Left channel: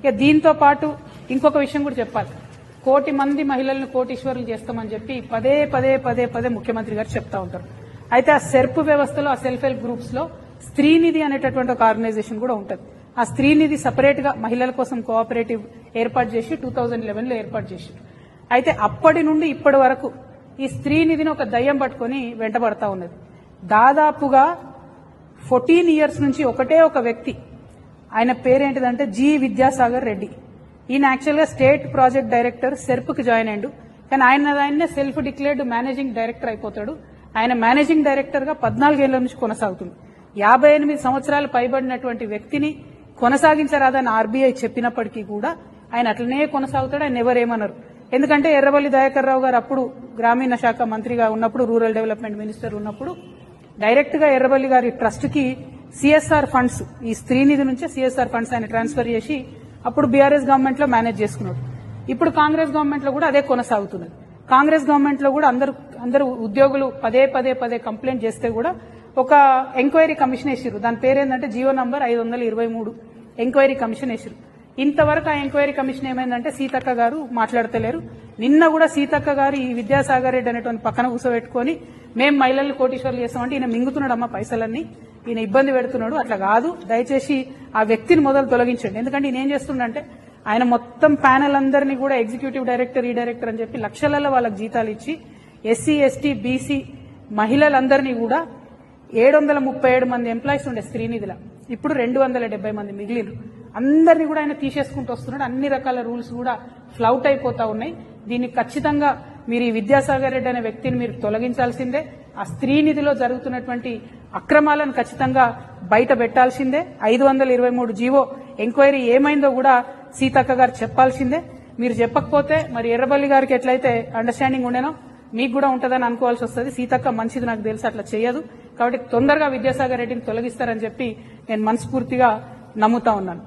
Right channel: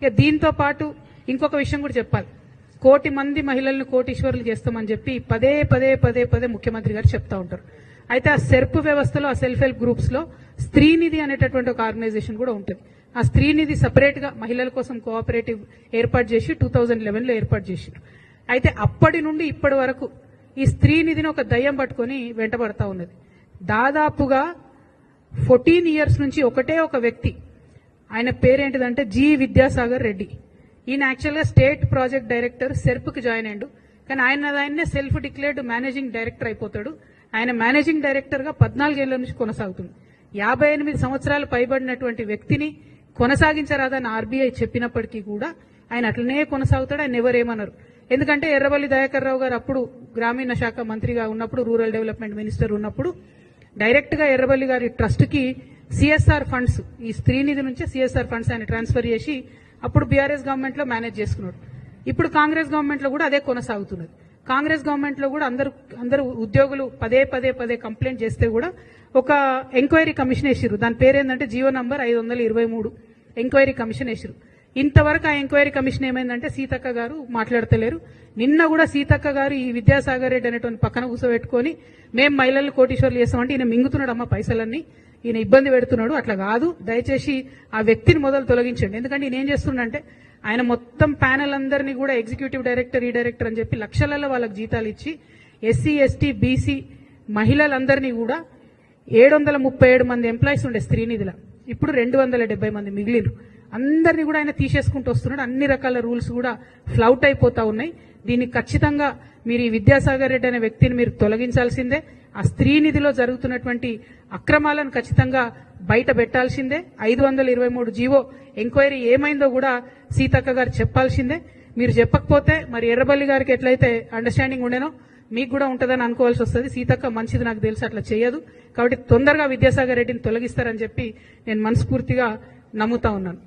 ఇక దీంతో పాటు ఇంకొక విషయం కూడా చెప్పాలి. 1 కోటి మంది మహిళలను కోటీశ్వరులు చేస్తామని చెప్పి పదే పదే పదే పదే ముఖ్యమంత్రి గారు చెప్తా ఉంటారు. అయితే ఆ సెర్ప్ వ్యవస్థలో, ఆ సెల్ఫ్ హెల్ప్ గ్రూప్స్ లో స్త్రీనిధి అనేటటువంటి ఒక ఆర్గనైజేషన్ కూడా ఉంటుంది. ఆ స్త్రీనిధి సపరేట్ గా మహిళల కోసం కోఆపరేటివ్ ఏర్పాటు చేసి 2011లో ఏర్పాటు చేశారు. అయితే అప్పటి నుండి ఇప్పటి వరకు ఈ స్త్రీనిధిని ఒక దయ్యం పట్టుకుని వెంటబడతా ఉన్నది. దాదాపుగా 14 ఇయర్స్ నుంచి ఒకటే ఒక వ్యక్తి, ఆయన పేరేంటిదంటే జి విద్యాసాగర్ రెడ్డి. ఈయన యాక్చువల్ గా స్టేట్ ప్రాజెక్ట్ డైరెక్టర్ సెర్ప్ కి జాయిన్ అయ్యాడు. కానీ ఆయనే సెల్ఫ్ డిక్లేర్డ్ మేనేజింగ్ డైరెక్టర్ అయిపోతాడు. ఆయన మేనేజింగ్ డైరెక్టర్ గా 14 ఏళ్ల నుంచి కొనసాగుతుంది. 58 సంవత్సరాలు పైబడినటువంటి వ్యక్తిని కొనసాగించరాదని ఆర్బీఐ చెప్పినప్పటికీ కూడా ఆయన అట్లనే కొనసాగుతాడు. ఆయన ఎవరేమన్నారు. ఎందుకంటే ఎర్రవల్లి దయాకర్ రావు గారు అప్పుడు గ్రామీణ శాఖ మంత్రిగా ఉన్నప్పుడు, రూరల్ డెవలప్మెంట్ మినిస్టర్ ఉన్నప్పుడు డైరెక్ట్ గా ఎర్రవల్లి గారి ట్రస్ట్ కి సిఎస్ఆర్ ఫండ్స్, ఈ స్త్రీనిధి నుంచే సిఎస్ఆర్ ఫండ్స్ ఆయన ట్రాన్స్ఫర్ చేసి అప్పుడు బీఆర్ఎస్ గవర్నమెంట్ లో మేనేజ్ చేసుకున్నాడు. ఇప్పుడు కాంగ్రెస్ గవర్నమెంట్ లో కూడా అదే కొనసాగుతున్నది. కాంగ్రెస్ గవర్నమెంట్ లో కూడా అందరూ ఉద్యోగులు పదే పదే పదే కంప్లైంట్ చేస్తే కూడా ఒక ఎంక్వైరీ కమిషన్ వేసారు. దాని పేరేందంటే జీవో నంబర్ 523 ఎంక్వైరీ కమిషన్ వేసారు. ఇంతవరకు ఆ ఎంక్వైరీ కమిషన్ ఏమైందంటే సీతక్క గారు మాట్లాడతలేరు. నిన్న కూడా సీతక్క గారు ఈ విద్యాసాగర్ రెడ్డి అనేటువంటి పక్కన కూర్చోబెట్టుకుని మేము మహిళలు కోటీశ్వర్లు చేస్తామంటే ఈయన మింగుతున్నాడు అమ్మ పైసలన్నీ, ఈయన ఇబ్బంది పెడుతున్నాడు. అట్లా కాదు, దయచేసి ఆ వ్యక్తిని మొదలు తొలగించండి. ఎందుకంటే ఈయన ఏం చేస్తున్నాడంటే ఆయన మొత్తం ప్యానెల్ అందరినీ కూడా ఎగ్జిక్యూటివ్ డైరెక్టర్, ఈ డైరెక్టర్ అని చెప్పి లక్షలలో వాళ్ళకి జీతాలు ఇచ్చి ఎస్సీ, ఎస్టీ, బీసీ మహిళలందరినీ కూడా 737 మంది ఎంప్లాయీస్ ఉండే స్త్రీనిధిలో ఇప్పుడు 270 మంది మిగిలిరు. అందరినీ కూడా ఆయన తీసేసుకుంటూ వస్తున్నాడు. అన్ని రకాల రూల్స్ కూడా ఫ్లౌట్ అయిపోతా ఉన్నాయి. దీనికి ఖచ్చితంగా మీరు ఈ విద్యాసాగర్ రెడ్డి అనే వ్యక్తిని మీరు తొలగించాల్సిందే. ఆ స్త్రీనిధిలో జరుగుతున్నటువంటి అక్రమాలను ఖచ్చితంగా బయట పెట్టాల్సిందే. 523 జీవో ఎంక్వైరీ ఏమైందో కూడా సీతక్క గారు చెప్పాల్సిందే. మీరు చెప్పకపోతే మరి ఎర్రబల్లి గారికి ఎట్లయితే అండర్స్టాండింగ్ ఉండేనో మీకు కూడా ఉంటుందని అనుకోవాల్సి వస్తుంది. సీతక్క మంచిది నాకు తెలుసు, అట్లా చేయదు. కాబట్టి తొందరగా విద్యాసాగర్ రెడ్డిని తొలగిస్తారని చెప్పి నేను మనస్ఫూర్తిగా నమ్ముతా ఉన్నాను.